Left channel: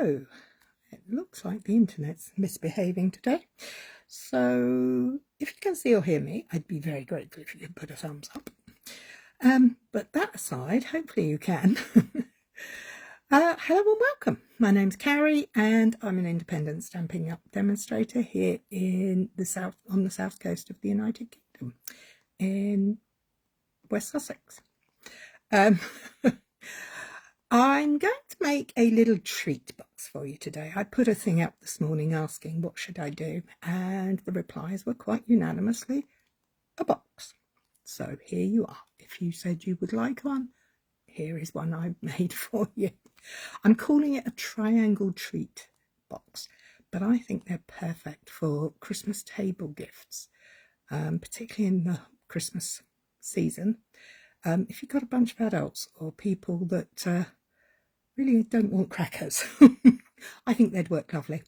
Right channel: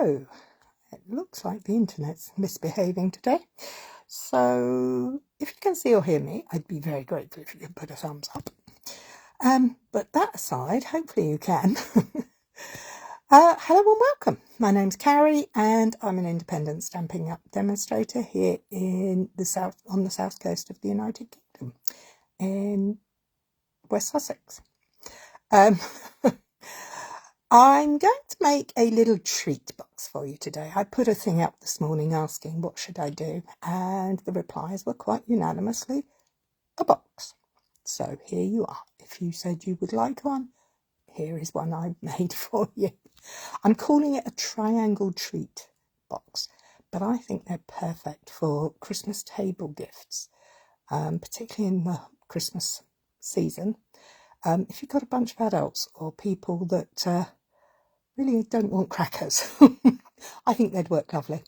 So, it looks like the internet's misbehaving today. So, if you can see or hear me, I'd be very grateful if you could put a thumbs up. But that aside, hopefully you can. Hello and welcome. My name's Cary and I'm an independent Stampin' Up! Demonstrator here in the south, on the south coast of the United Kingdom, in West Sussex. I'm going to make a little treat box for you today. I put a thing up this morning asking what should I do, and the replies were quite unanimously a box. So here you are. If you said you would like one, here is one I've made for you. I'm calling it a triangle treat box, but I think they're perfect for Christmas table gifts, particularly in the Christmas season. If you've got a bunch of adults or people that really don't want crackers, I think they'd work lovely.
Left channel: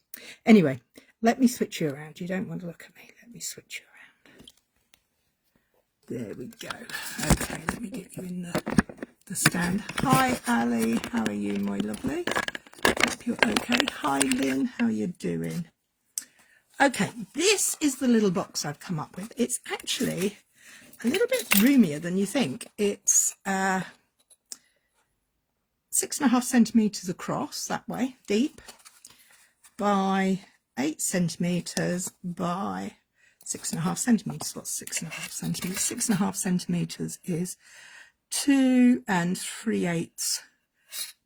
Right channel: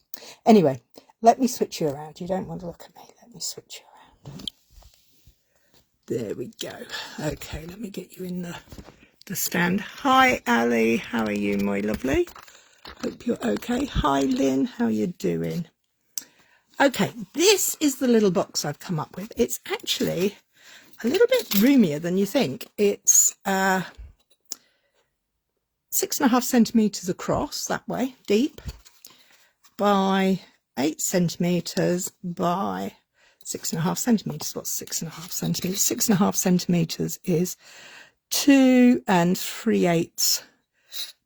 Anyway, let me switch you around. You don't want to look at me. Let me switch you around. There we go. Okay, let me get you in the stand. Hi, Ali. How are you, my lovely? Hope you're okay. Hi, Lynn. How are you doing? Okay, this is the little box I've come up with. It's actually a little bit roomier than you think. It's 6.5 centimetres across, that way, deep, by 8 centimetres by 6.5 centimetres. What's 6.5 centimetres? 6.5 centimetres is 2 3/8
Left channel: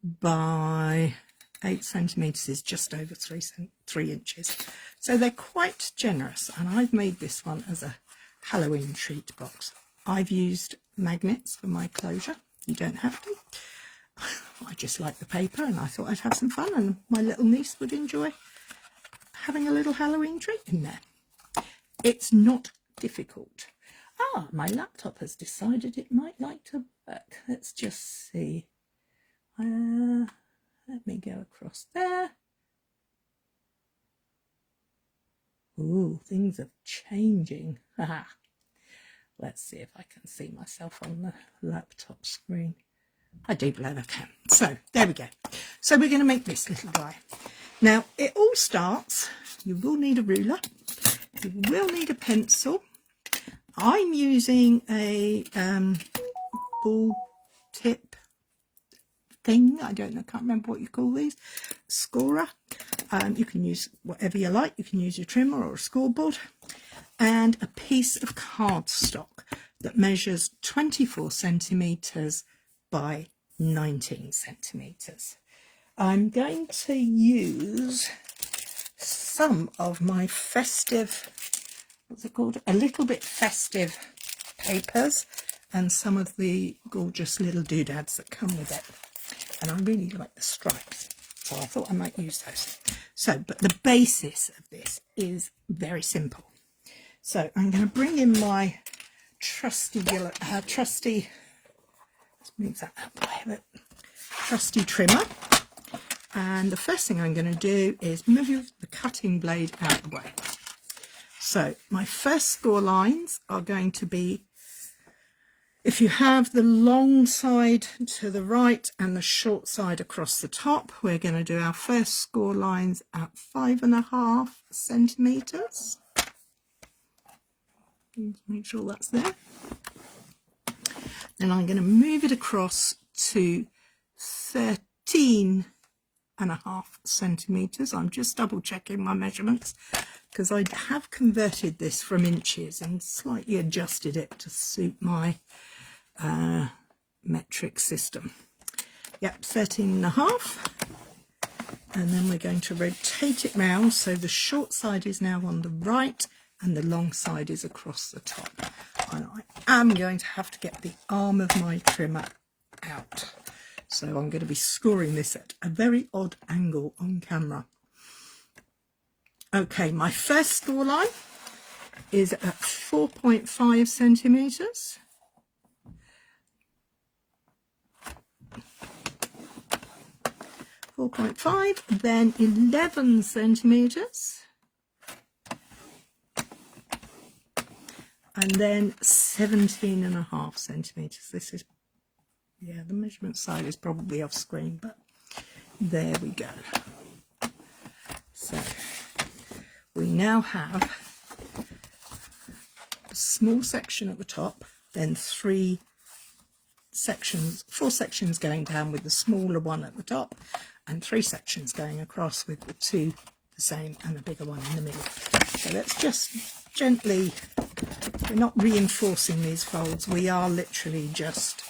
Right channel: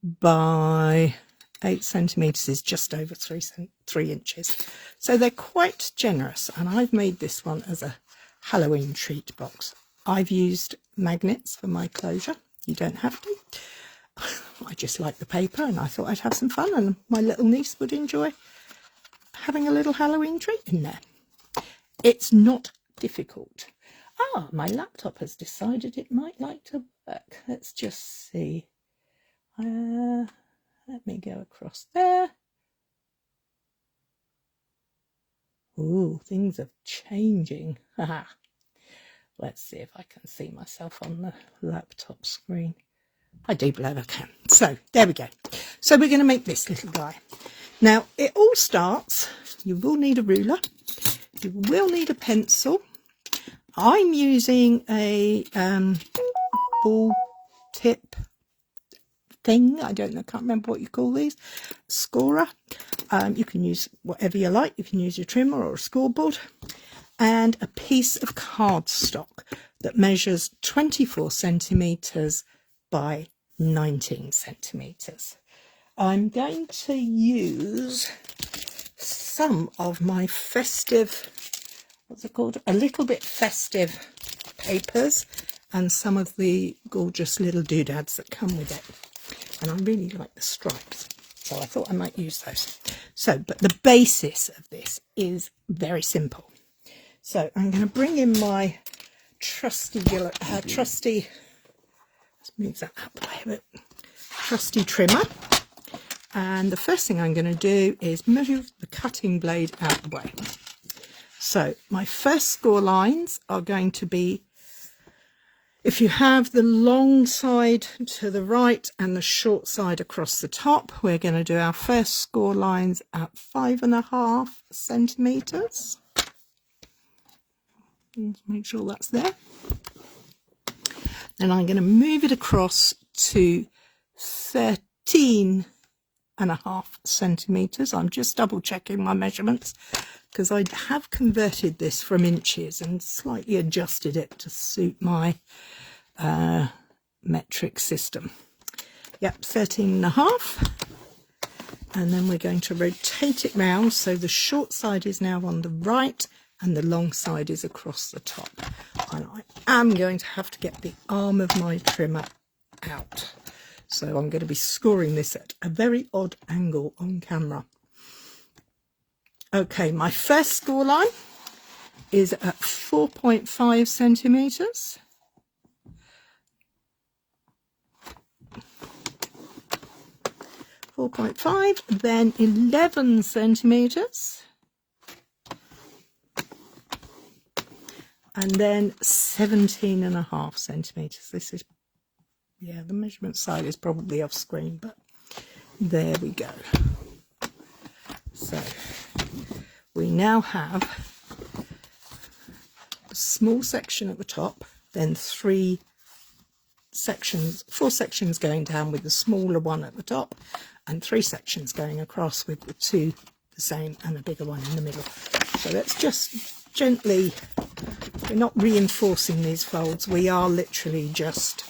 by 8 centimetres is just over 3 inches. So they're quite generous, and I've made this one as a Halloween treat box. I've used magnets for my closure. You don't have to. I just like the paper and I thought I'd have some fun, and my little niece would enjoy having a little Halloween treat in there. It's not difficult. Ah, my laptop has decided it might like to work. Let's just see. Let me go across there. Ooh, things are changing. Let's see if I can see myself on the laptop screen. I do believe I can. So there we go. So we're going to make this little guy. Now it all starts, you will need a ruler, you will need a pencil. I'm using a ball tip thing. I don't know, can't remember what you call these. Scorer. You can use whatever you like. You can use your trimmer or a scoreboard. And a piece of cardstock that measures 24 centimetres by 19 centimetres. I'm going to use some of my festive, what's it called? A little bit festive papers and some of the gorgeous little doodads that come with it. And I really like the stripes, so I thought I might use those. So, but the basis of this is very simple. So I'm going to bring in my trusty, let's move that up way a bit, trusty trimmer. And the first thing I'm going to do is move the cutting blade out the way. So my first score lines are going to be, if you have the long side to the right and the short side across the top, we're going to do our first score lines at 5.5 centimetres. Let's make sure that's there. Then I'm going to move it across to 13.5 centimetres. I'm just double checking my measurements because I have converted this from inches and slightly adjusted it to suit my metric system. Yep, 13.5. And then we're going to rotate it round so the short side is now on the right and the long side is across the top. And I am going to have to get the arm of my trimmer out. So I'm going to be scoring this at a very odd angle on camera. Okay, my first score line is at 4.5 centimetres. Then 11 centimetres. And then 17.5 centimetres. This is, yeah, the measurement side is probably off screen, but there we go. now have a small section at the top, then four sections going down with the smaller one at the top, and 3 sections going across with the 2 the same and a bigger one in the middle. So let's just gently, we're not reinforcing these folds, we are literally just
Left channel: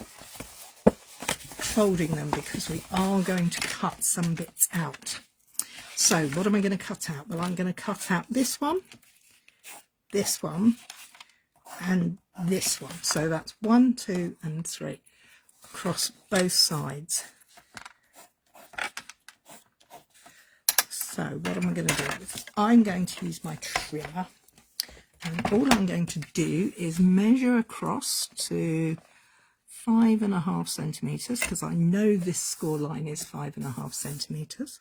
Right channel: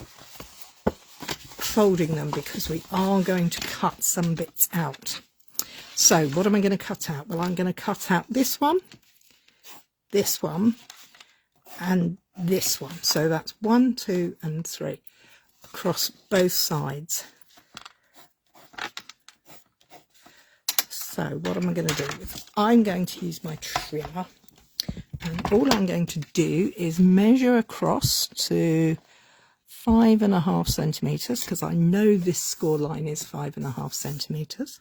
folding them because we are going to cut some bits out. So what am I going to cut out? Well, I'm going to cut out this one, and this one. So that's 1, 2 and 3 across both sides. So what am I going to do? I'm going to use my trimmer, and all I'm going to do is measure across to 5.5 centimetres, because I know this score line is 5.5 centimetres.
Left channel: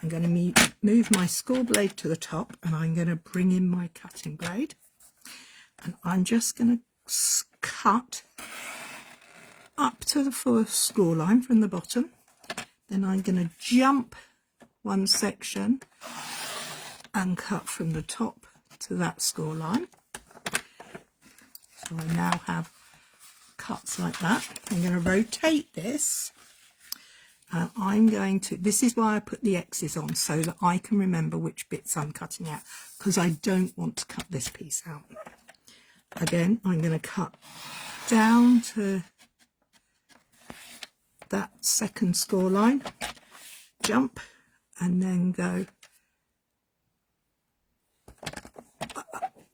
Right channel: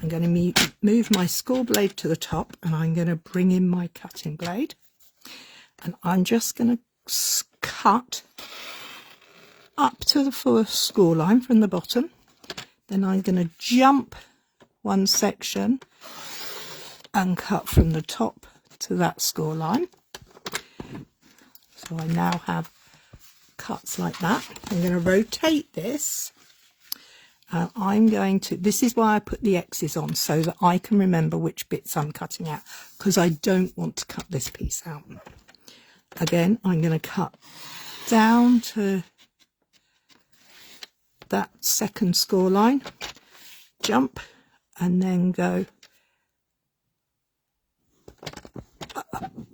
I'm going to move my score blade to the top, and I'm going to bring in my cutting blade, and I'm just going to cut up to the first score line from the bottom. Then I'm going to jump one section and cut from the top to that score line. So I now have cuts like that. I'm going to rotate this. I'm going to, this is why I put the X's on, so that I can remember which bits I'm cutting out, because I don't want to cut this piece out. Again, I'm going to cut down to that second score line, jump, and then go.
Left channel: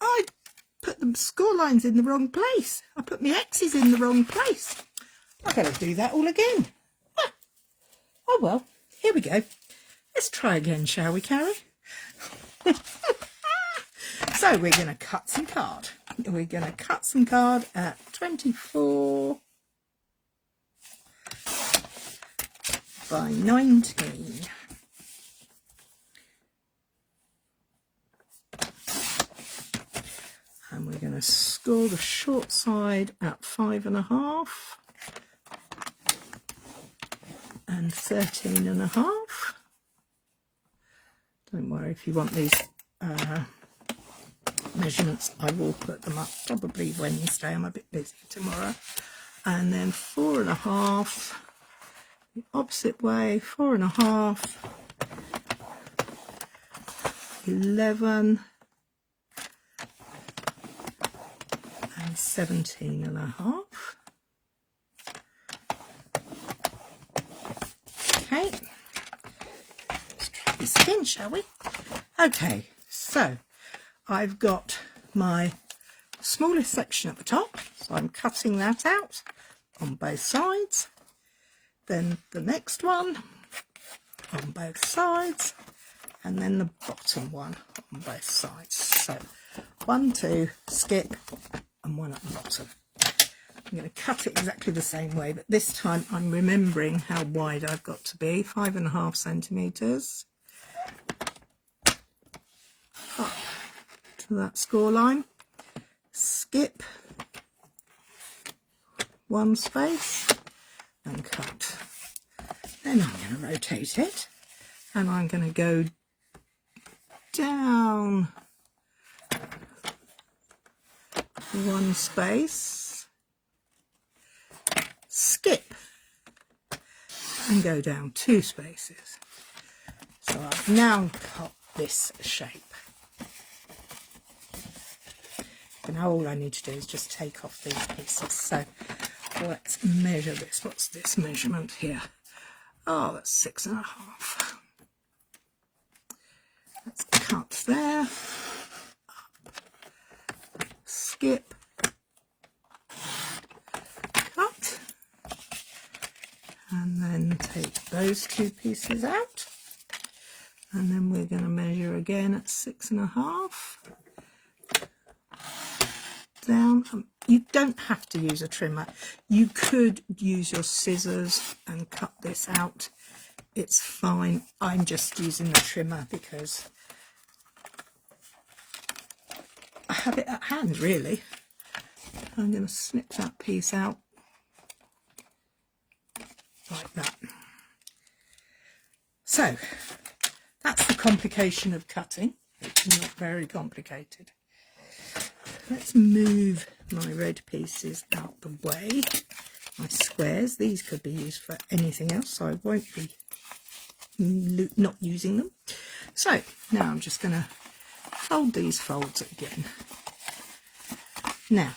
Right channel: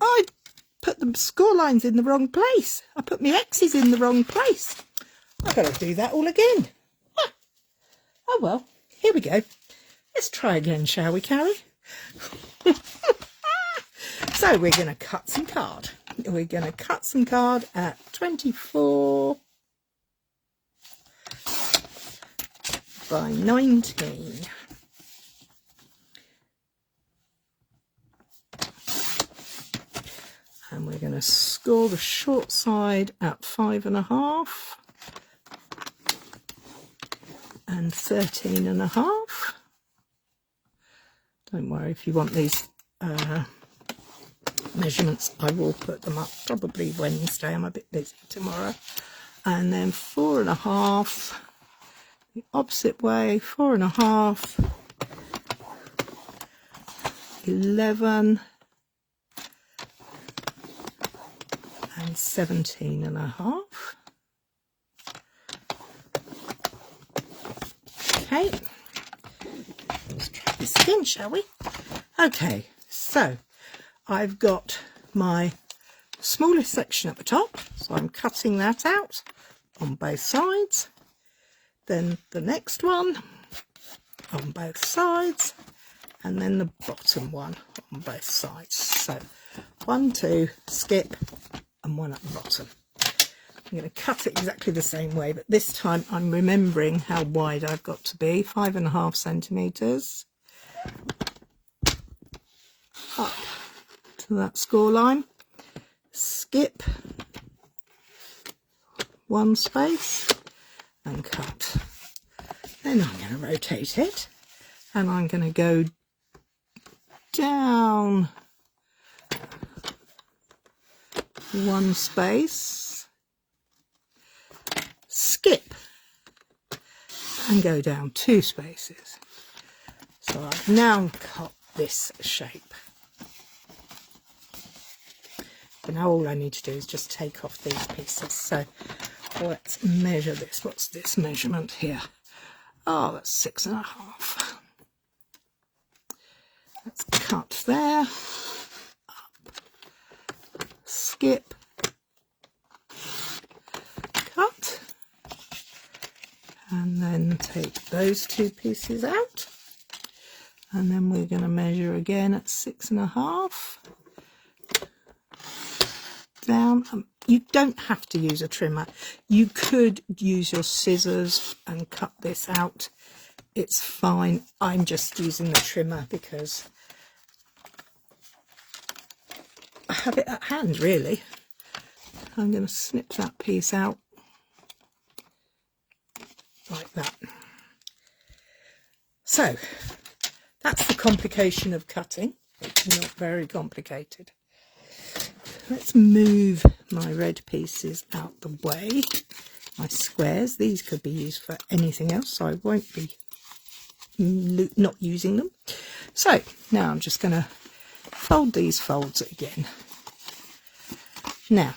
I put the score lines in the wrong place. I put my X's in the wrong place. I've got to do that all again. Oh well, here we go. Let's try again, shall we, Cary? So we're going to cut some card. We're going to cut some card at 24 by 19. And we're going to score the short side at 5.5 and 13.5. Don't worry, if you want these measurements, I will put them up probably Wednesday. I'm a bit busy tomorrow. And then 4.5, the opposite way, 4.5, 11 and 17.5. Okay, let's try this again, shall we? Okay, so I've got my smallest section at the top, so I'm cutting that out on both sides. Then the next one on both sides, and then the bottom one on both sides. So 1, 2, skip, and 1 at the bottom. I'm going to cut it exactly the same way, but this time I'm remembering how wide I've got to be, 5.5 centimetres. Up to that score line, skip 1 space and cut. Then I'm going to rotate it, and I'm going to go down 1 space, skip, and go down 2 spaces. So I've now got this shape. And now all I need to do is just take off these pieces. So let's measure this. What's this measurement here? Oh, that's 6.5. Let's cut there, up, skip, cut, and then take those 2 pieces out. And then we're going to measure again at 6.5. Down. You don't have to use a trimmer. You could use your scissors and cut this out. It's fine. I'm just using the trimmer because I have it at hand, really. I'm going to snip that piece out like that. So that's the complication of cutting. Not very complicated. Let's move my red pieces out the way. My squares, these could be used for anything else, so I won't be not using them. So now I'm just going to fold these folds again. Now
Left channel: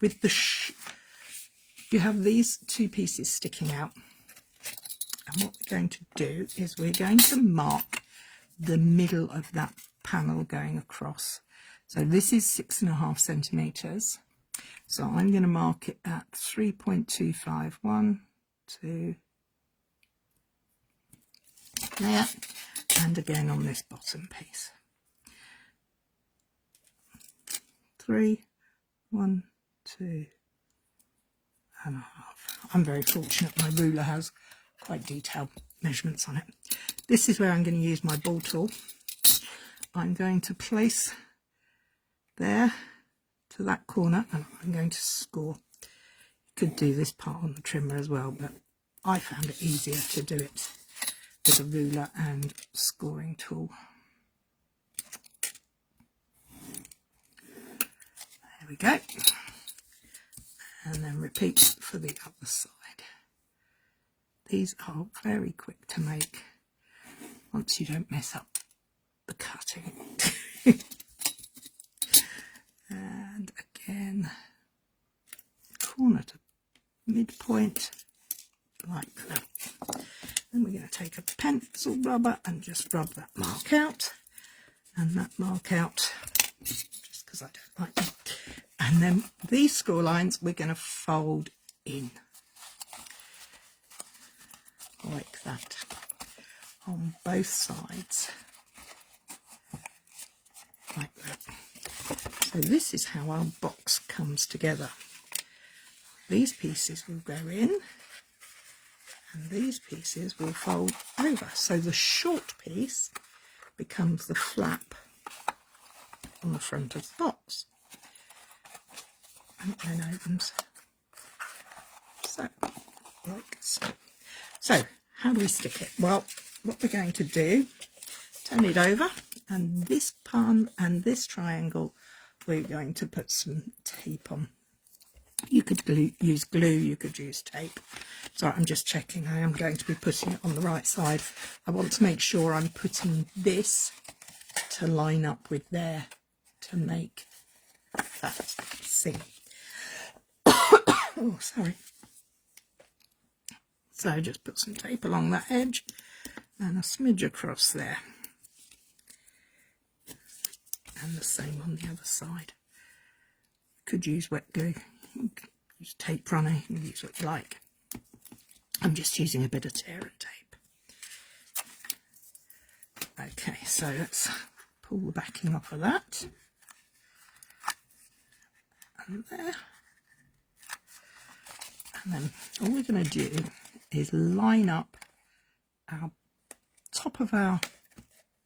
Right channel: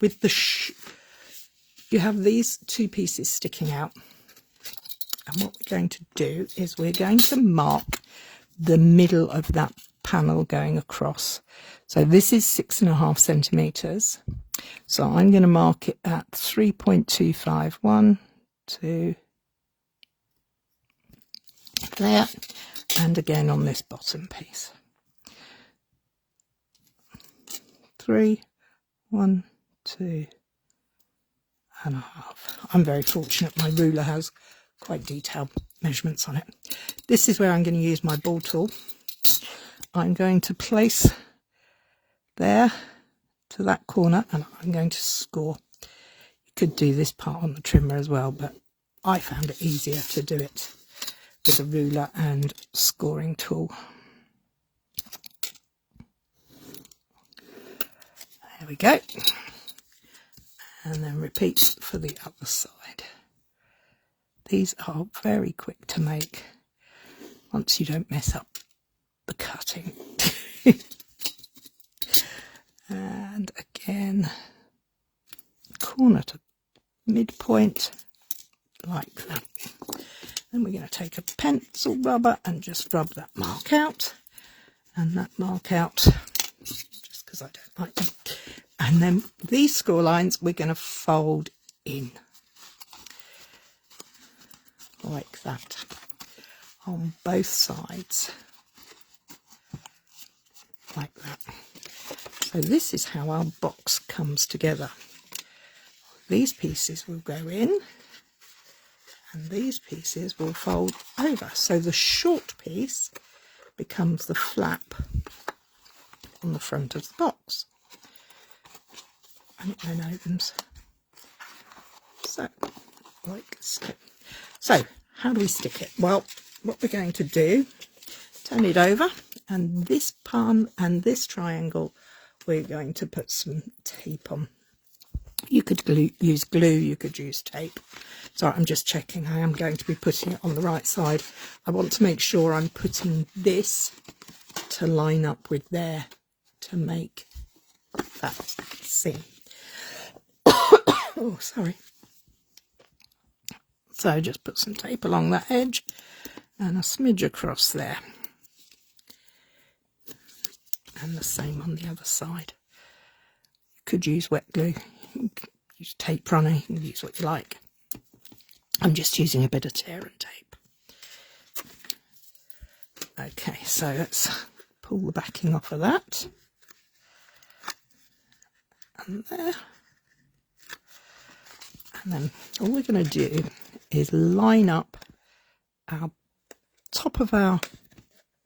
with the you have these two pieces sticking out, and what we're going to do is we're going to mark the middle of that panel going across. So this is 6.5 centimeters. So I'm going to mark it at 3.25, 1, 2, there, and again on this bottom piece. 3, 1, 2 and a half. I'm very fortunate my ruler has quite detailed measurements on it. This is where I'm going to use my ball tool. I'm going to place there to that corner, and I'm going to score. You could do this part on the trimmer as well, but I found it easier to do it with a ruler and scoring tool. There we go. And then repeat for the other side. These are very quick to make once you don't mess up the cutting. And again, corner to midpoint, like that. Then we're going to take a pencil rubber and just rub that mark out, and that mark out, just because I don't like them. And then these score lines we're going to fold in like that on both sides, like that. So this is how our box comes together. These pieces will go in and these pieces will fold over. So the short piece becomes the flap on the front of the box. And it then opens. So, like so. So, how do we stick it? Well, what we're going to do, turn it over, and this palm and this triangle, we're going to put some tape on. You could use glue, you could use tape. So I'm just checking I am going to be putting it on the right side. I want to make sure I'm putting this to line up with there to make that seam. Oh, sorry. So just put some tape along that edge and a smidge across there. And the same on the other side. You could use wet glue, you could use tape runner, you can use what you like. I'm just using a bit of tear and tape. Okay, so let's pull the backing off of that. And there. And then all we're going to do is line up our top of our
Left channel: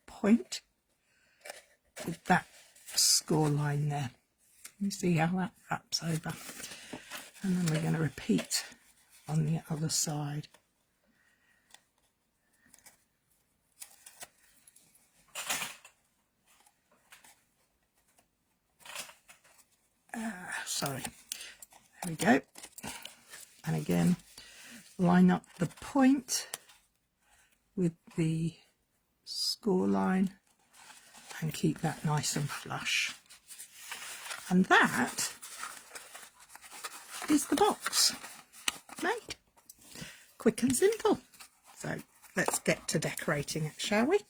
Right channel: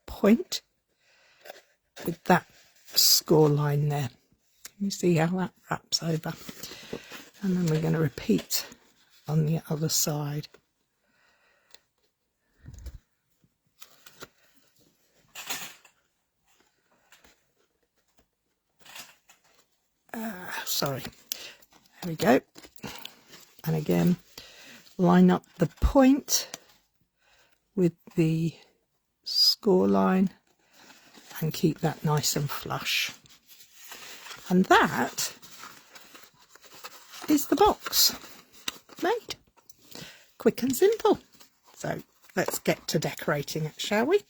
point with that score line there. You see how that wraps over, and then we're going to repeat on the other side. Sorry, there we go. And again, line up the point with the score line and keep that nice and flush. And that is the box made. Quick and simple. So let's get to decorating it, shall we?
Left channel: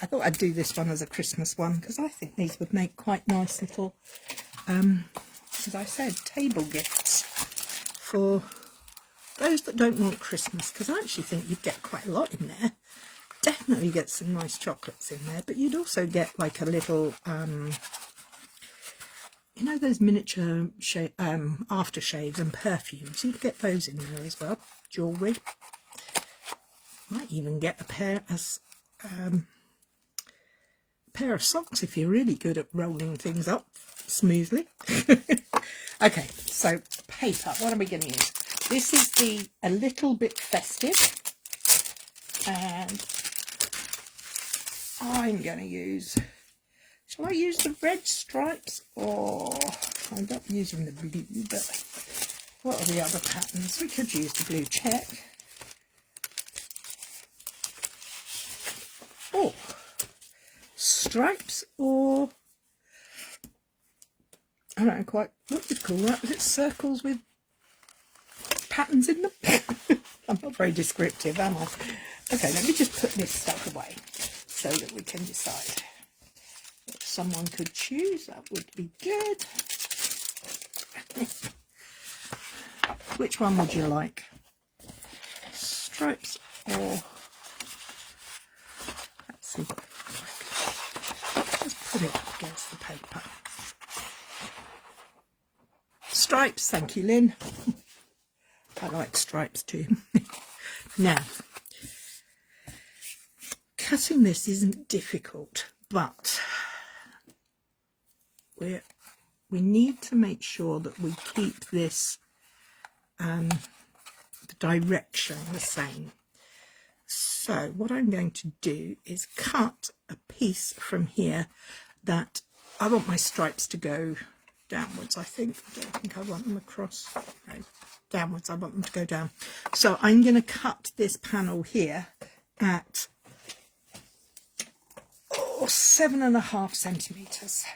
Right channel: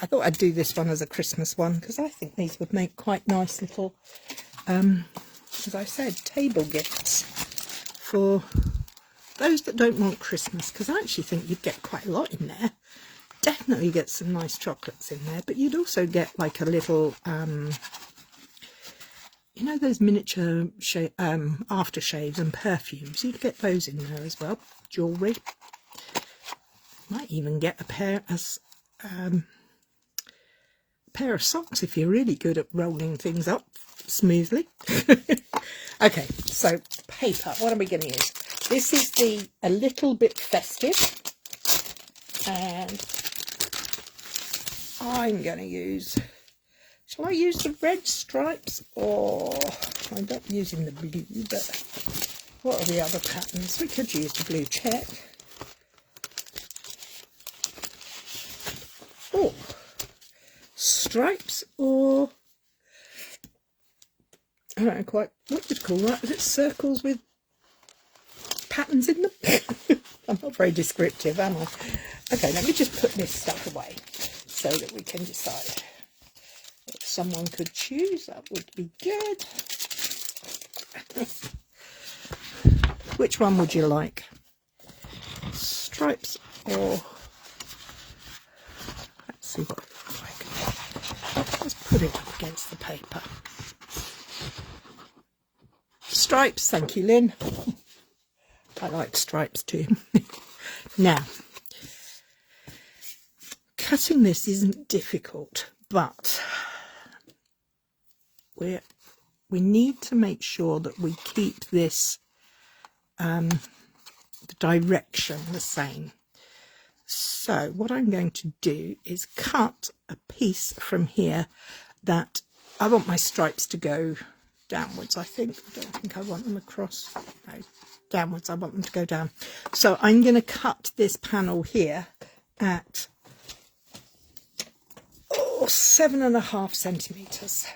I thought I'd do this one as a Christmas one because I think these would make quite nice little, as I said, table gifts for those that don't want Christmas, because I actually think you'd get quite a lot in there. Definitely get some nice chocolates in there, but you'd also get like a little, you know, those miniature aftershaves and perfumes. You'd get those in there as well. Jewellery. Might even get a pair of socks if you're really good at rolling things up smoothly. Okay, so paper. What are we going to use? This is a little bit festive, and I'm going to use Shall I use the red stripes, or I'm not using the blue, but what are the other patterns? We could use the blue check. Oh, stripes, or I don't know quite what you'd call that. Is it circles with patterns in them? I'm not very descriptive, am I? Okay, let me just put this stuff away so that we can decide. If someone could choose, that would be good. Which one would you like? Stripes, or let's see what it looks like. Let's put it up against the paper. Stripes, thank you, Lynn. I like stripes too. Now, cutting this isn't difficult, but we need to make sure that we keep this the direction the same. So what I'm going to do is cut a piece from here that I want my stripes to go downwards. I don't think I want them across. No, downwards. I want them to go down. So I'm going to cut this panel here at 7.5 centimetres.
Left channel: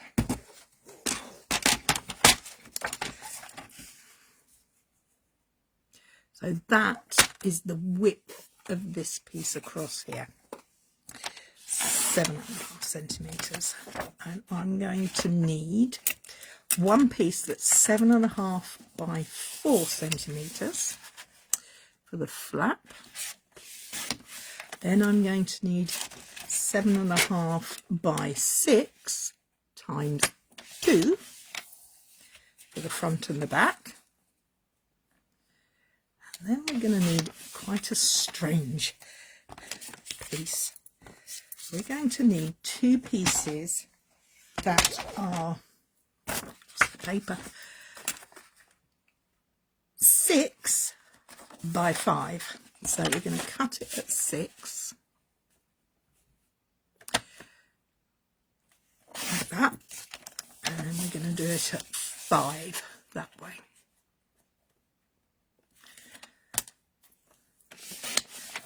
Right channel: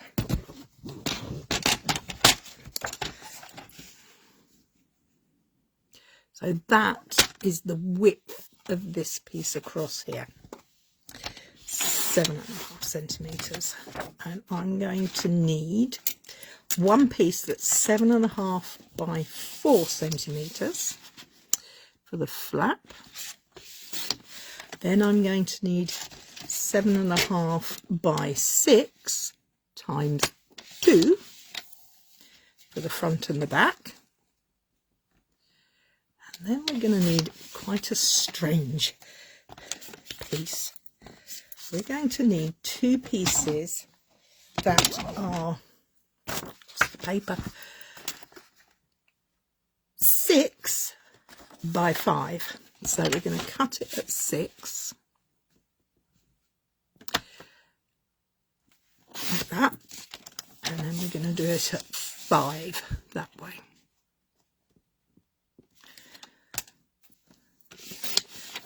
So that is the width of this piece across here, 7.5 centimetres. And I'm going to need one piece that's 7.5 by 4 centimetres for the flap. Then I'm going to need 7.5 by 6 times 2 for the front and the back. And then we're going to need quite a strange piece. We're going to need two pieces that are paper 6 by 5. So we're going to cut it at 6 like that, and then we're going to do it at 5 that way.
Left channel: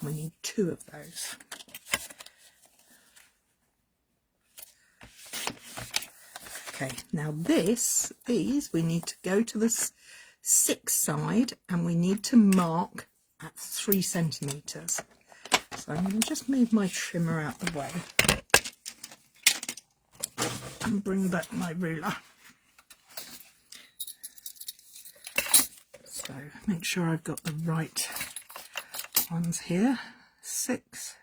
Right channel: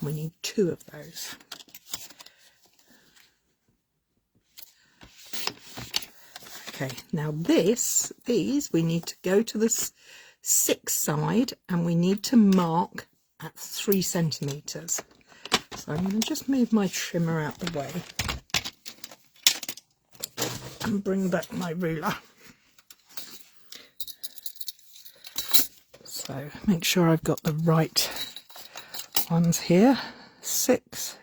We need 2 of those. Okay, now these we need to go to the 6 side, and we need to mark at 3 centimetres. So I'm going to just move my trimmer out the way and bring back my ruler. So make sure I've got the right ones here, 6,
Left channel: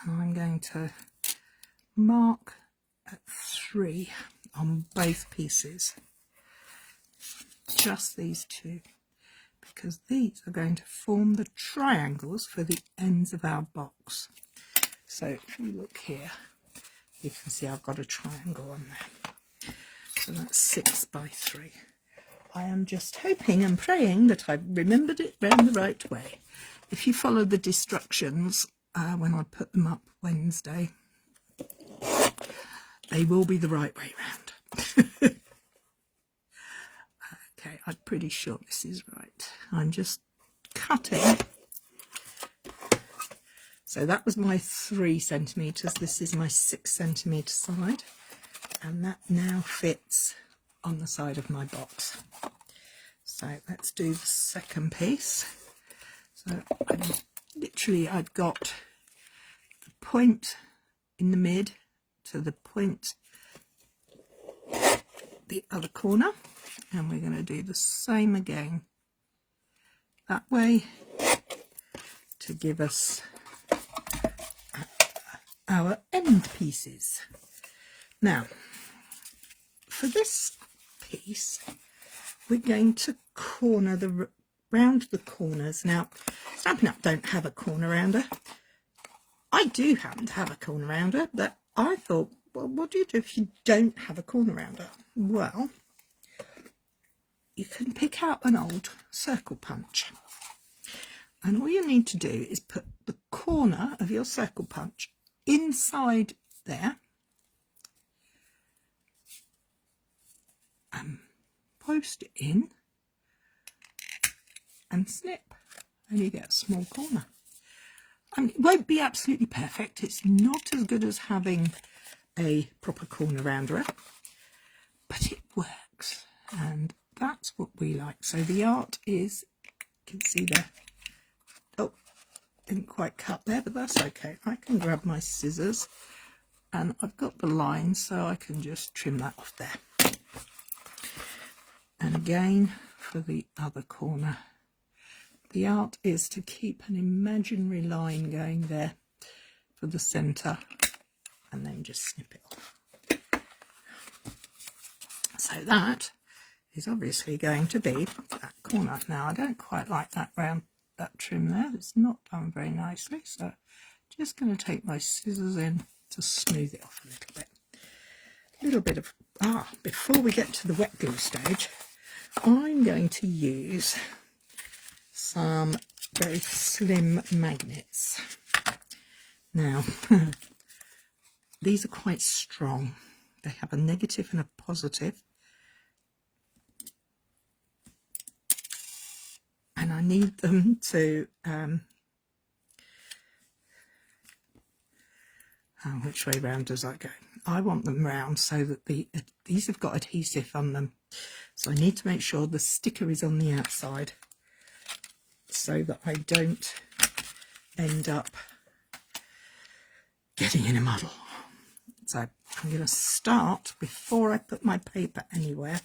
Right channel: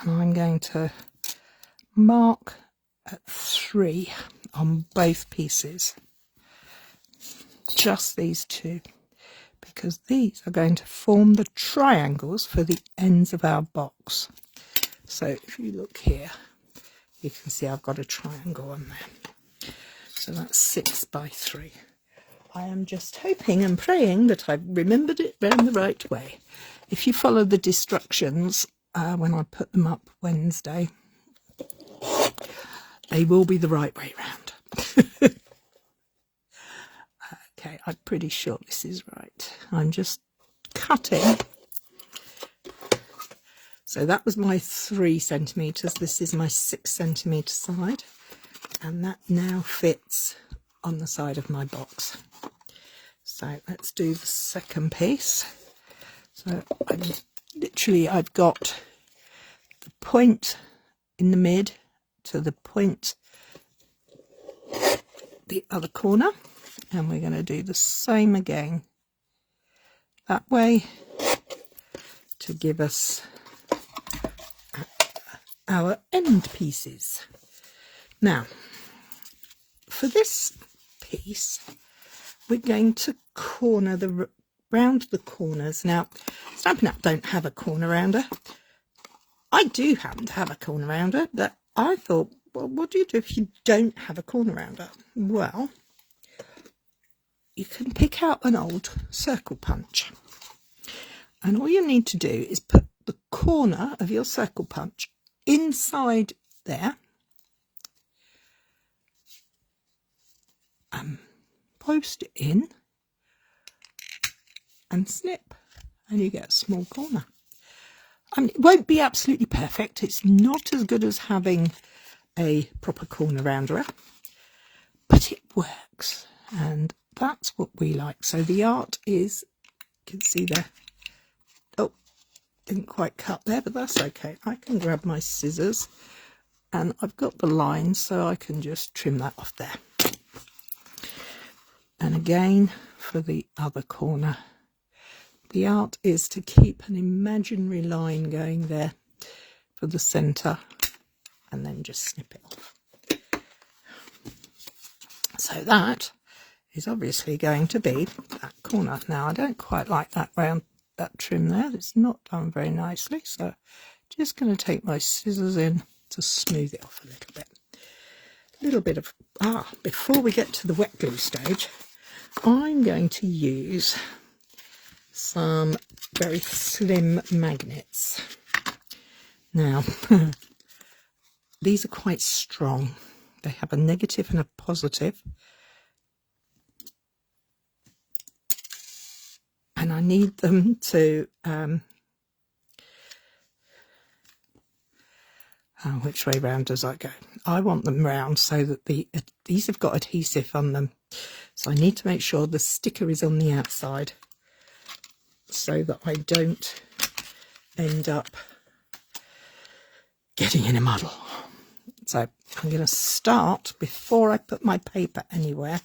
and I'm going to mark at 3 on both pieces, just these two, because these are going to form the triangles for the ends of our box. So if you look here, you can see I've got a triangle on there. So that's 6 by 3. I am just hoping and praying that I've remembered it round the right way. If you follow the instructions when I put them up Wednesday, they will be the right way round. Okay, I'm pretty sure this is right. I'm just cutting. So that was my 3 centimetres. This is my 6 centimetre side. And that now fits on the side of my box. So let's do the second piece. So I've got the point in the mid to the point the other corner, and we're going to do the same again that way to give us our end pieces. Now for this piece we're going to corner round the corners. Now Stampin' Up! Don't have a corner rounder. I do happen to have a corner rounder, but I thought, well, what do you do if you don't have a corner rounder? Well, you can pick out an old circle punch, and all you need to do is put the corner of your circle punch inside there, post it in and snip, and you get a small corner. I mean, it won't be absolutely perfect. It's not as good as having a proper corner rounder, but it works, and that's what we like. So the art is, you can see there, oh, didn't quite cut there, but that's okay. I can grab my scissors, and I've got the line, so I can just trim that off there. And again, for the other corner, the art is to keep an imaginary line going there for the centre, and then just snip it off. So that is obviously going to be that corner. Now, I don't quite like that round, that trim there. It's not done very nicely, so just going to take my scissors in to smooth it off a little bit. A little bit of, before we get to the wet glue stage, I'm going to use some very slim magnets. Now, these are quite strong. They have a negative and a positive. And I need them to, which way round does that go? I want them round so that these have got adhesive on them. So I need to make sure the sticker is on the outside so that I don't end up getting in a muddle. So I'm going to start, before I put my paper anywhere,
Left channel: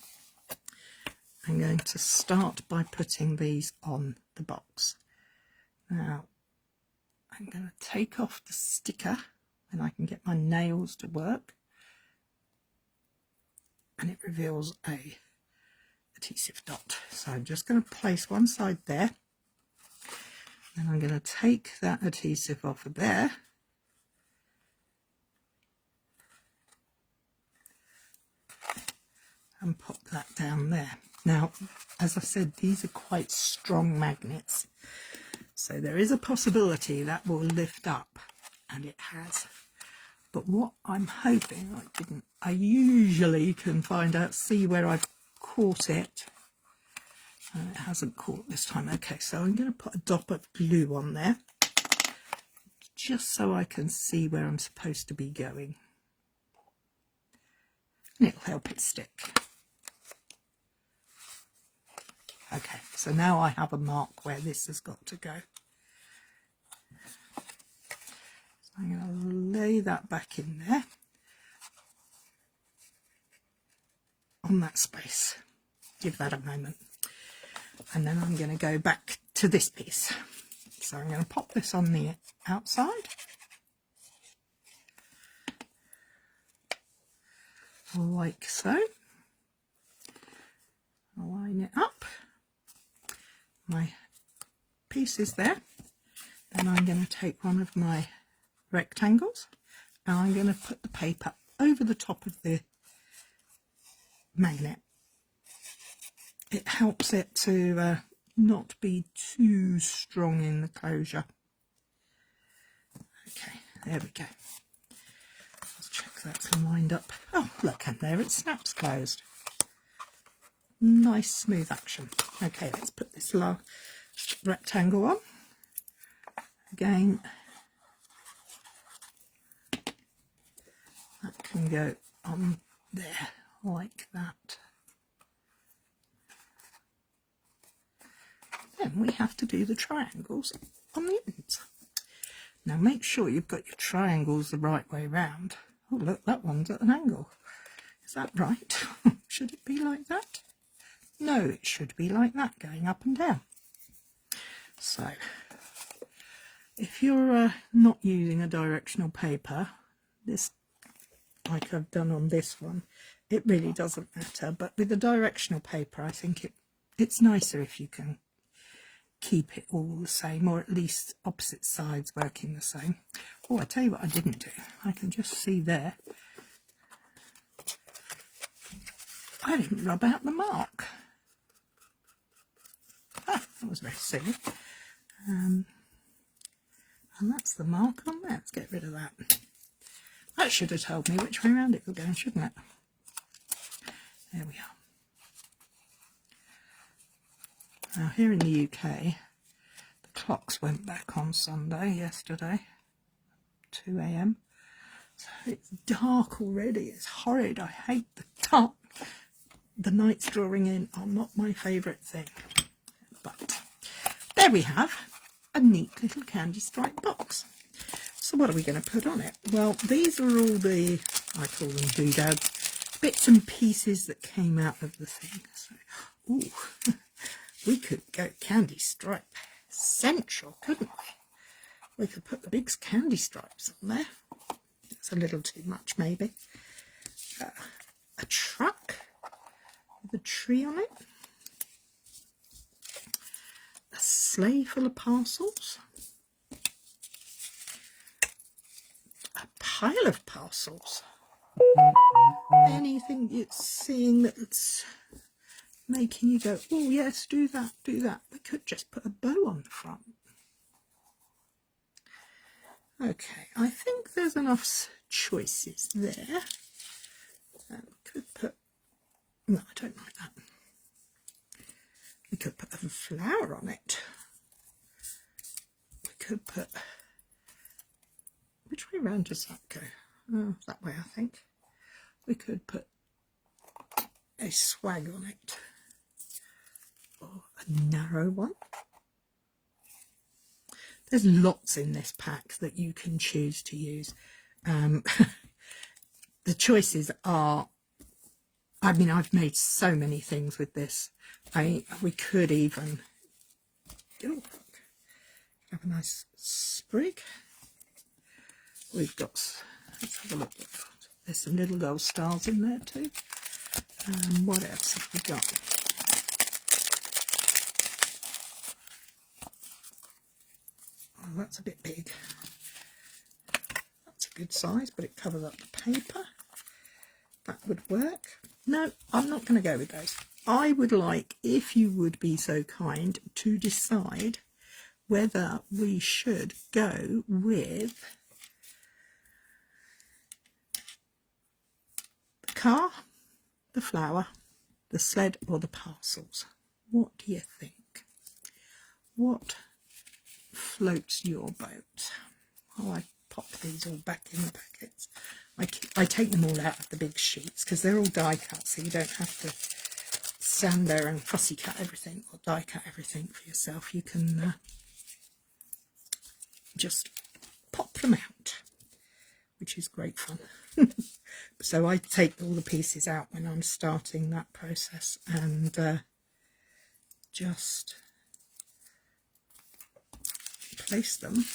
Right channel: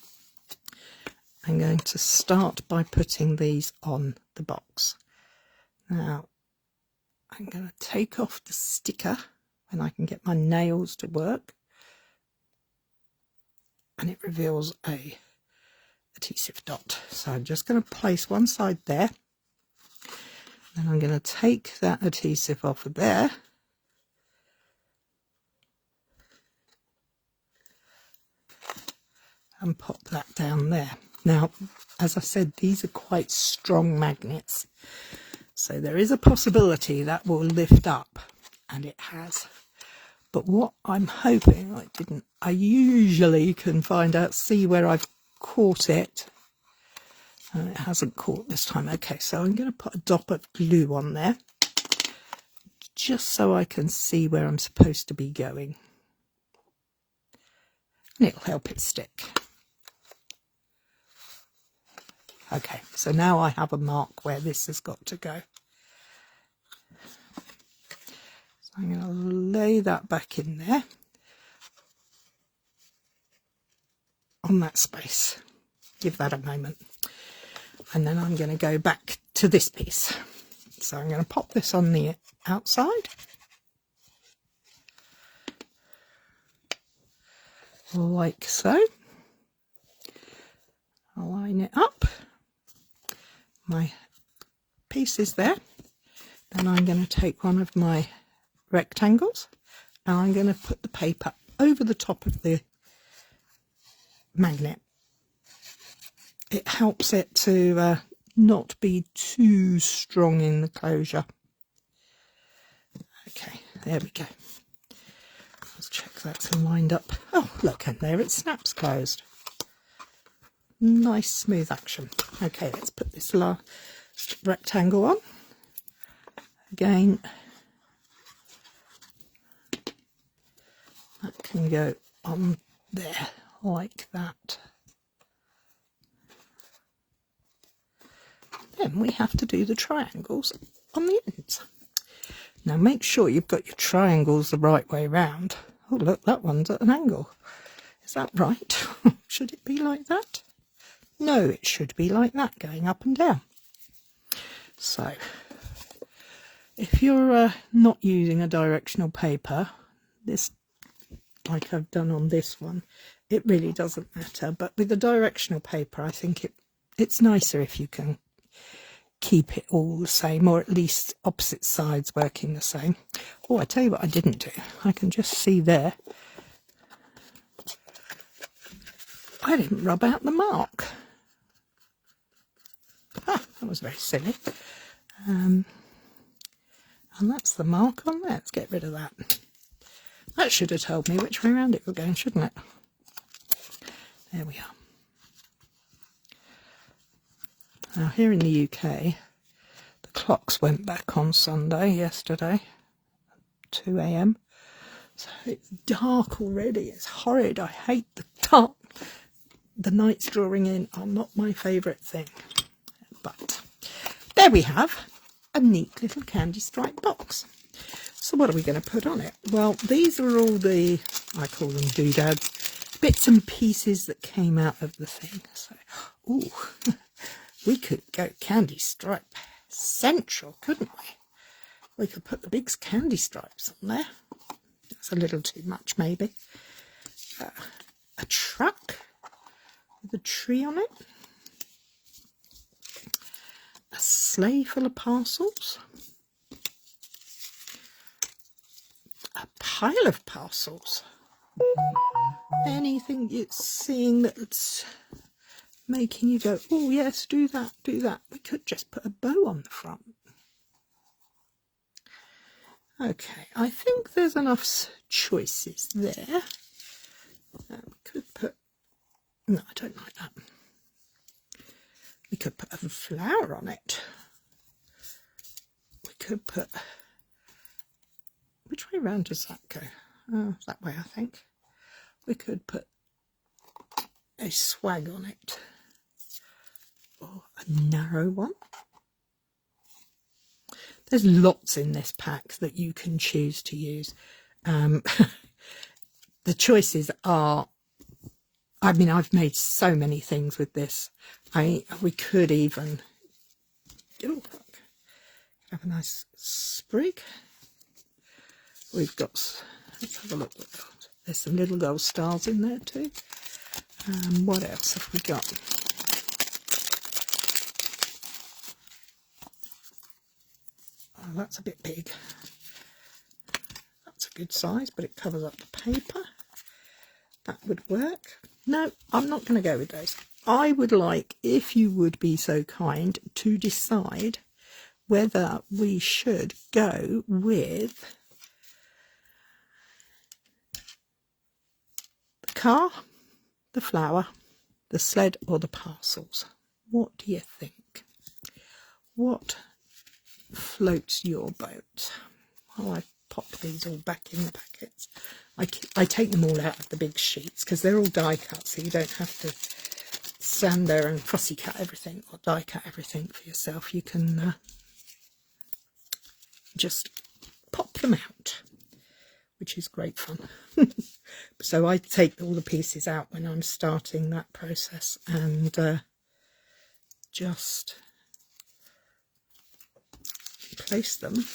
I'm going to start by putting these on the box. Now, I'm going to take off the sticker and I can get my nails to work. And it reveals a adhesive dot. So I'm just going to place one side there. Then I'm going to take that adhesive off of there. And pop that down there. Now, as I said, these are quite strong magnets. So there is a possibility that will lift up, and it has. But what I'm hoping, I usually can see where I've caught it. And it hasn't caught this time. Okay, so I'm going to put a dot of glue on there, just so I can see where I'm supposed to be going. And it'll help it stick. Okay, so now I have a mark where this has got to go. So I'm going to lay that back in there on that space. Give that a moment. And then I'm going to go back to this piece. So I'm going to pop this on the outside. Like so. I'll line it up. My piece is there. Then I'm going to take one of my rectangles and I'm going to put the paper over the top of the magnet. It helps it to not be too strong in the closure. Okay, there we go. Let's check that's lined up. Oh, look, and there it snaps closed. Nice smooth action. Okay, let's put this last rectangle on. Again, that can go on there like that. Then we have to do the triangles on the ends. Now make sure you've got your triangles the right way round. Oh look, that one's at an angle. Is that right? Should it be like that? No, it should be like that, going up and down. So, if you're not using a directional paper, this, like I've done on this one, it really doesn't matter. But with the directional paper, I think it's nicer if you can keep it all the same, or at least opposite sides working the same. Oh, I tell you what I didn't do. I can just see there. I didn't rub out the mark. That was very silly. And that's the mark on there. Let's get rid of that. That should have told me which way around it was going, shouldn't it? There we are. Now here in the UK, the clocks went back on Sunday, yesterday, 2 a.m. So it's dark already. It's horrid. I hate the dark. The nights drawing in are not my favourite thing. But there we have a neat little candy stripe box. So what are we going to put on it? Well, these are all the, I call them doodads, bits and pieces that came out of the thing. So, ooh, we could go candy stripe central, couldn't we? We could put the big candy stripes on there. That's a little too much, maybe. A truck with a tree on it. A sleigh full of parcels. A pile of parcels. Anything you're seeing that's making you go, oh yes, do that, do that. We could just put a bow on the front. Okay, I think there's enough choices there. We could put, no, I don't like that. We could put a flower on it. We could put, which way round does that go? Oh, that way, I think. We could put a swag on it, or a narrow one. There's lots in this pack that you can choose to use. The choices are, I mean, I've made so many things with this. We could even have a nice sprig. We've got, let's have a look. There's some little gold stars in there too. What else have we got? Oh, that's a bit big. That's a good size, but it covers up the paper. That would work. No, I'm not going to go with those. I would like, if you would be so kind, to decide whether we should go with the car, the flower, the sled, or the parcels. What do you think? What floats your boat? Oh, I pop these all back in the packets. I take them all out of the big sheets because they're all die cut, so you don't have to stand there and fussy cut everything or die cut everything for yourself. You can just pop them out, which is great fun. So I take all the pieces out when I'm starting that process and just place them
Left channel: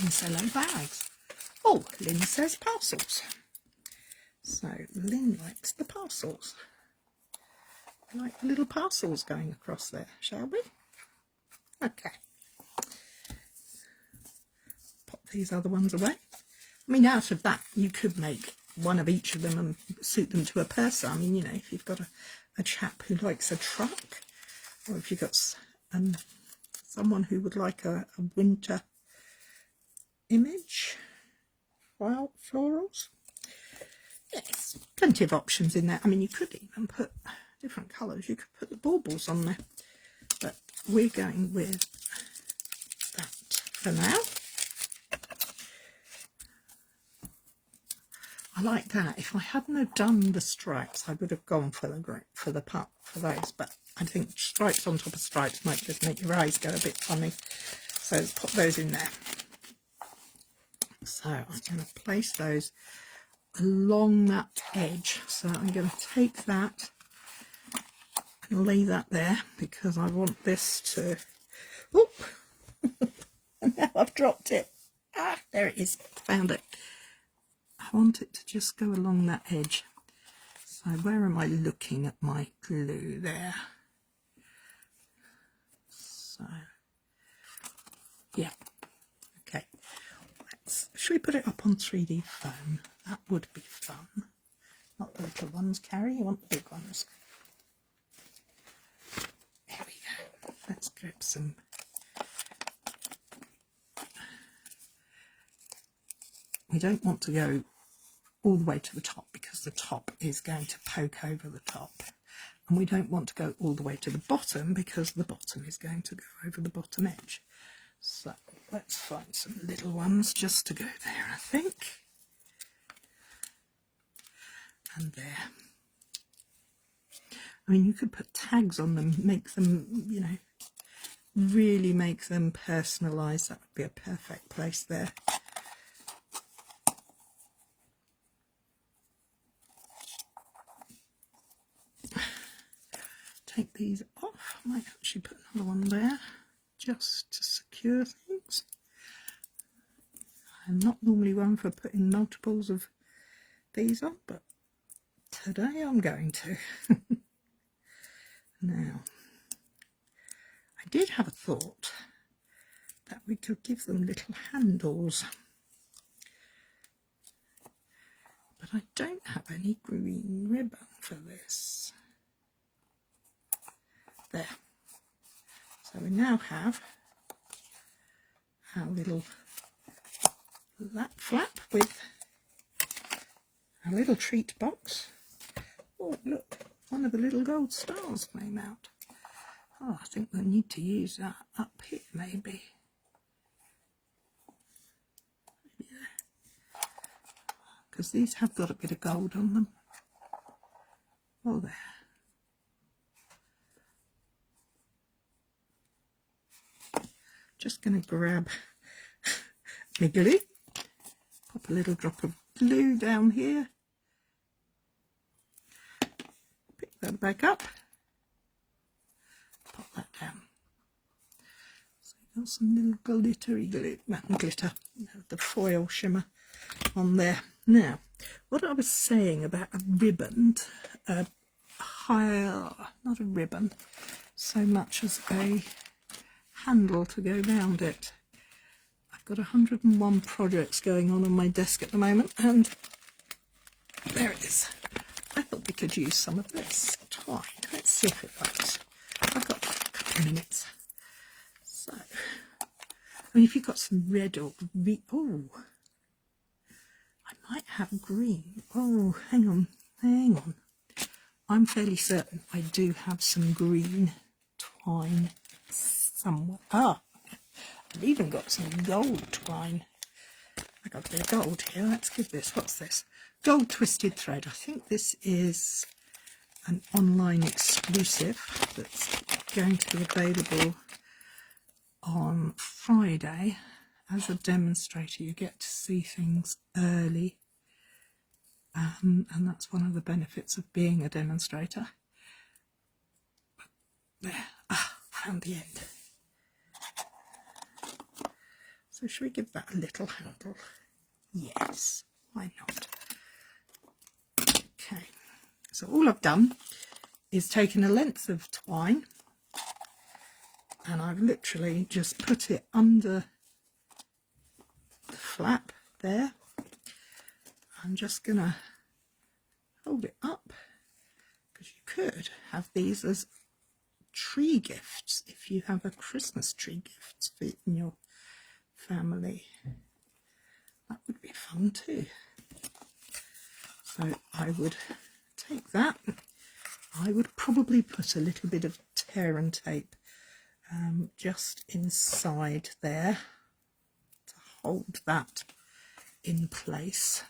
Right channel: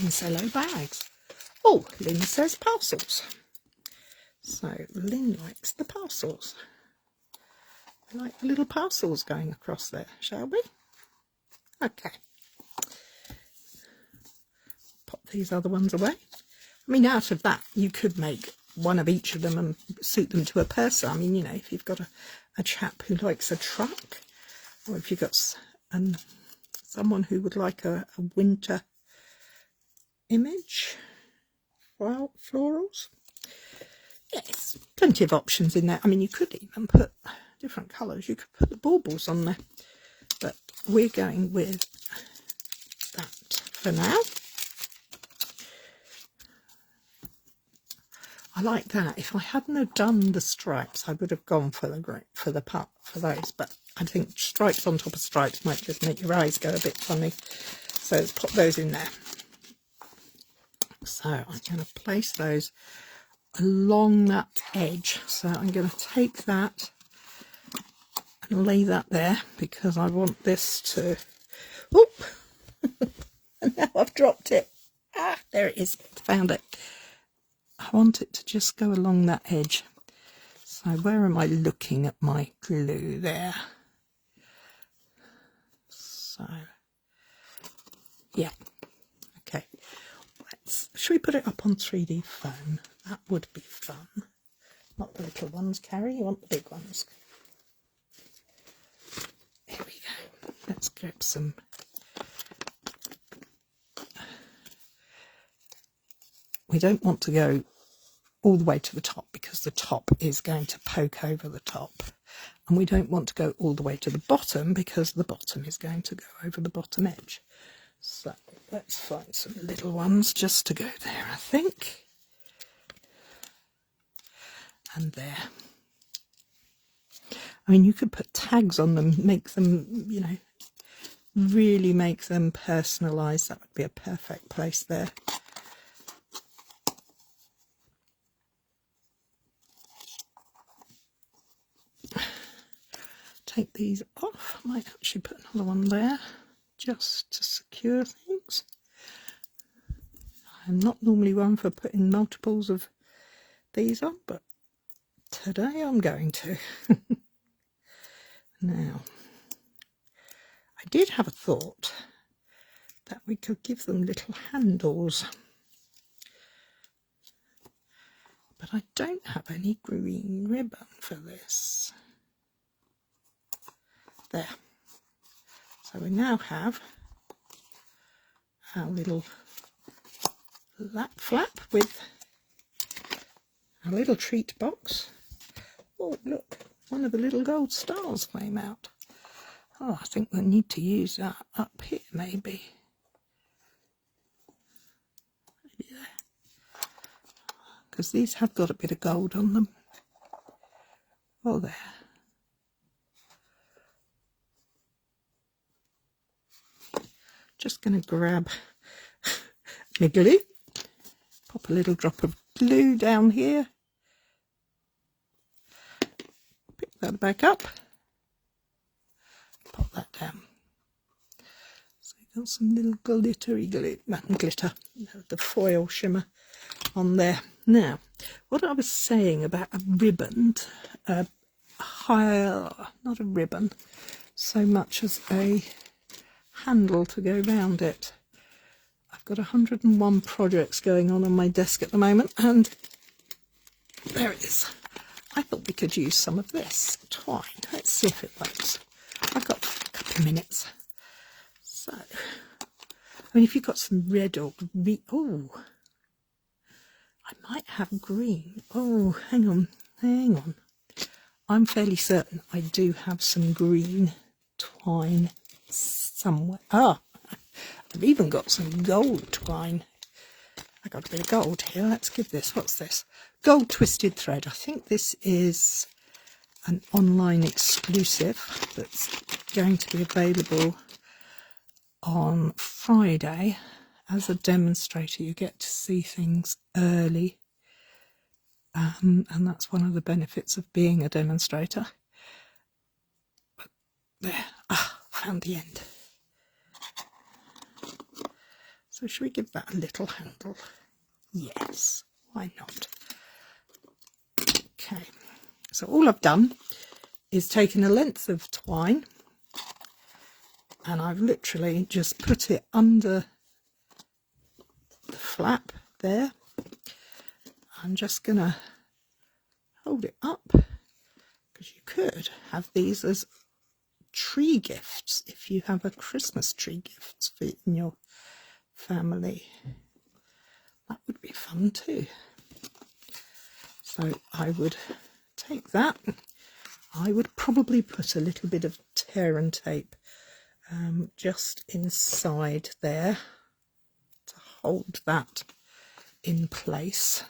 in cello bags. Oh, Lynn says parcels. So Lynn likes the parcels. I like the little parcels going across there, shall we? Okay. Pop these other ones away. I mean, out of that, you could make one of each of them and suit them to a person. I mean, you know, if you've got a chap who likes a truck, or if you've got someone who would like a winter image, florals. Yes, plenty of options in there. I mean, you could even put different colours. You could put the baubles on there, but we're going with that for now. I like that. If I hadn't have done the stripes, I would have gone for those. But I think stripes on top of stripes might just make your eyes go a bit funny. So let's pop those in there. So I'm going to place those along that edge. So I'm going to take that and lay that there because I want this to. Oop! And now I've dropped it. Ah, there it is. Found it. I want it to just go along that edge. So where am I looking at my glue there? So, yeah. Okay. Should we put it up on 3D foam? That would be fun. Not the little ones, Cary. You want the big ones. Here we go. Let's grab some. We don't want to go all the way to the top because the top is going to poke over the top. And we don't want to go all the way to the bottom because the bottom is going to go over the bottom edge. So let's find some little ones just to go there, I think. And there. I mean, you could put tags on them, make them, you know, really make them personalised. That would be a perfect place there. Take these off. I might actually put another one there just to secure things. I'm not normally one for putting multiples of these on, but today I'm going to. Now, I did have a thought that we could give them little handles, but I don't have any green ribbon for this. There. So we now have our little lap flap with our little treat box. Oh, look, one of the little gold stars came out. Oh, I think we'll need to use that up here, maybe. Maybe there. Because these have got a bit of gold on them. Oh, there. Just going to grab my glue, pop a little drop of glue down here, pick that back up, pop that down. So you've got some little glittery glue, glitter, the foil shimmer on there. Now, what I was saying about a ribbon, not a ribbon, so much as a handle to go round it. I've got 101 projects going on my desk at the moment, and there it is. I thought we could use some of this twine. Let's see if it works. I've got a couple of minutes. So, I mean, if you've got some red or green, oh, I might have green. Oh, hang on. I'm fairly certain I do have some green twine somewhere. Ah, I've even got some gold twine. I got a bit of gold here. Let's give this. What's this? Gold twisted thread. I think this is an online exclusive that's going to be available on Friday. As a demonstrator, you get to see things early, and that's one of the benefits of being a demonstrator. But there, found the end. So should we give that a little handle? Yes, why not? Okay, so all I've done is taken a length of twine and I've literally just put it under the flap there. I'm just gonna hold it up because you could have these as tree gifts if you have a Christmas tree gift in your family. That would be fun too. So I would take that. I would probably put a little bit of tear and tape just inside there to hold that in place.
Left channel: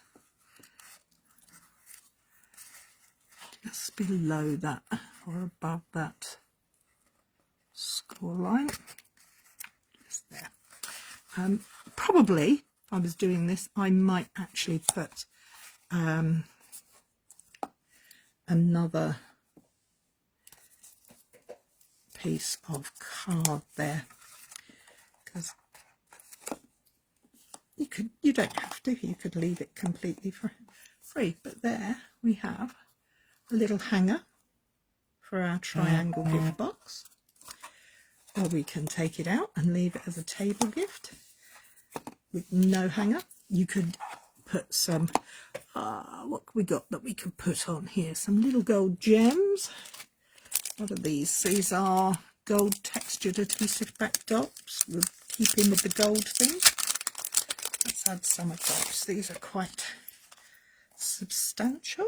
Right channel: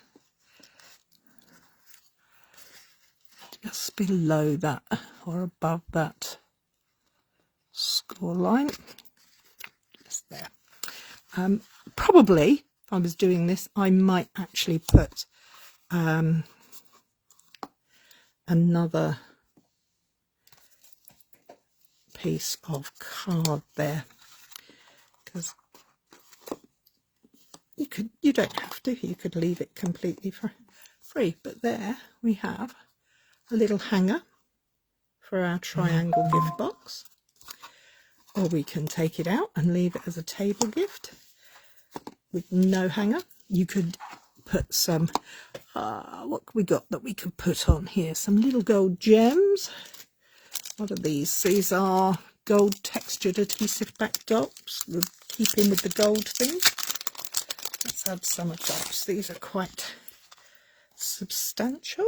Just below that or above that score line. Just there. Probably, if I was doing this, I might actually put another piece of card there, because you don't have to, you could leave it completely free, but there we have a little hanger for our triangle gift box, or we can take it out and leave it as a table gift with no hanger. You could put some what we got that we could put on here, some little gold gems. What are these? These are gold textured adhesive back dots. We'll keep in with the gold thing. Let's add some of those. These are quite substantial,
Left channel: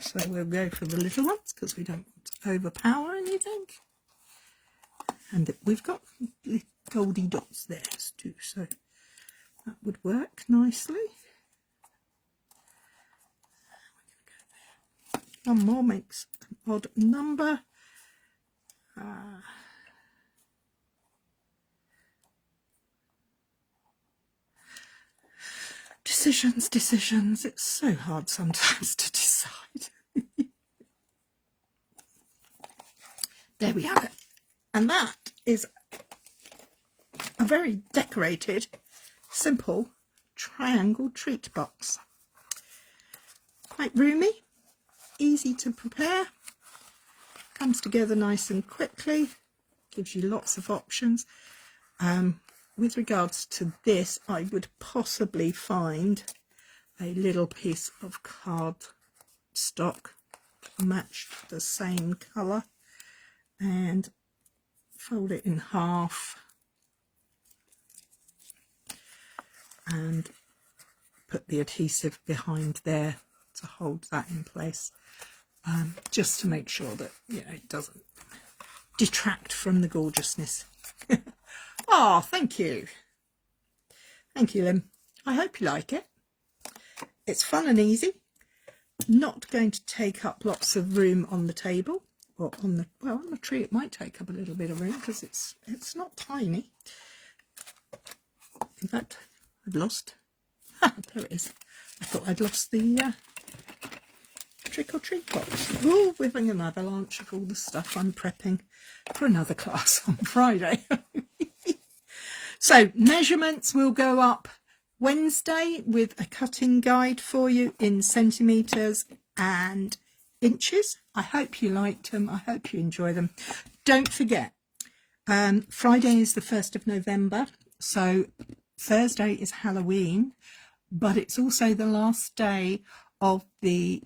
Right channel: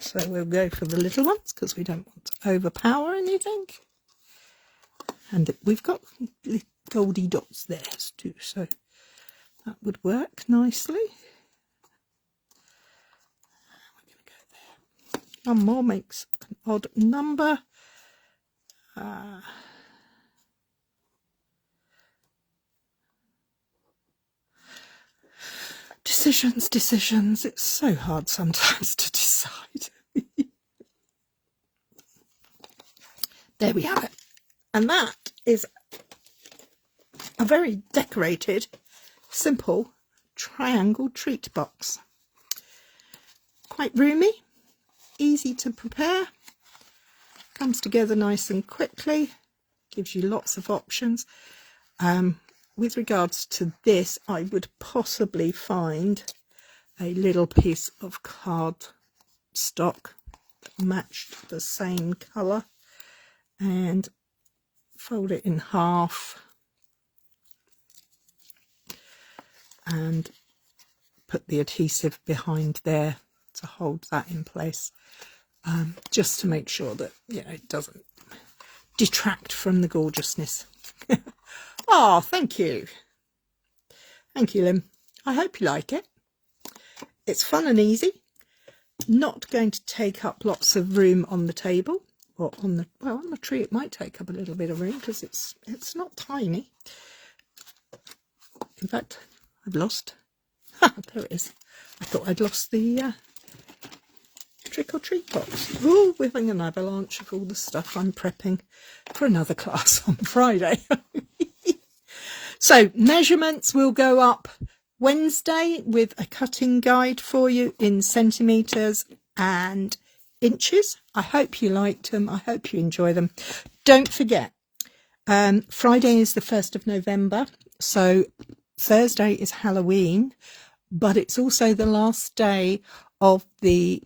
so we'll go for the little ones because we don't want to overpower anything. And we've got goldy dots there too, so that would work nicely. One more makes an odd number. Decisions. It's so hard sometimes to decide. There we have it. And that is a very decorated, simple triangle treat box. Quite roomy, easy to prepare, comes together nice and quickly, gives you lots of options. With regards to this, I would possibly find a little piece of cardstock that matched the same colour and fold it in half and put the adhesive behind there to hold that in place, just to make sure that, you know, it doesn't detract from the gorgeousness. Oh, thank you. Thank you, Lim. I hope you like it. It's fun and easy. Not going to take up lots of room on the table, or on the, well, on the tree it might take up a little bit of room because it's not tiny. In fact, I've lost, there it is. I thought I'd lost the trick or treat box. Oh, we're having an avalanche of all the stuff I'm prepping for another class on Friday. So measurements will go up Wednesday with a cutting guide for you in centimetres and inches. I hope you liked them. I hope you enjoy them. Don't forget, Friday is the 1st of November, so Thursday is Halloween, but it's also the last day of the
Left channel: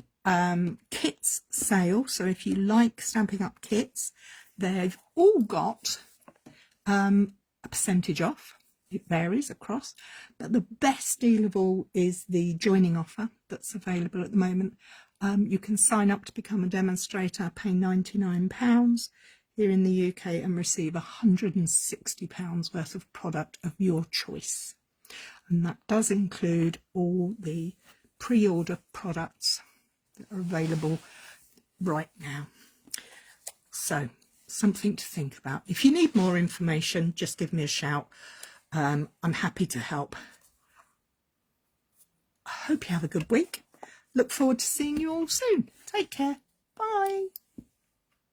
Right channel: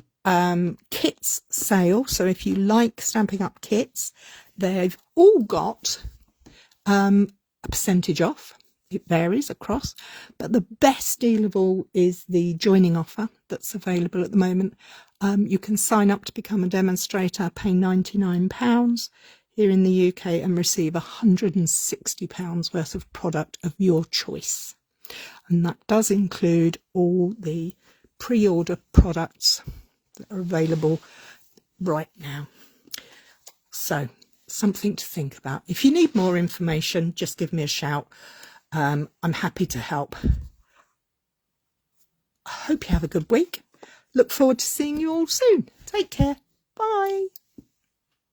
kits sale. So if you like Stampin' Up kits, they've all got a percentage off. It varies across, but the best deal of all is the joining offer that's available at the moment. You can sign up to become a demonstrator, pay £99 here in the UK and receive £160 worth of product of your choice. And that does include all the pre-order products that are available right now. So something to think about. If you need more information, just give me a shout. I'm happy to help. I hope you have a good week. Look forward to seeing you all soon. Take care.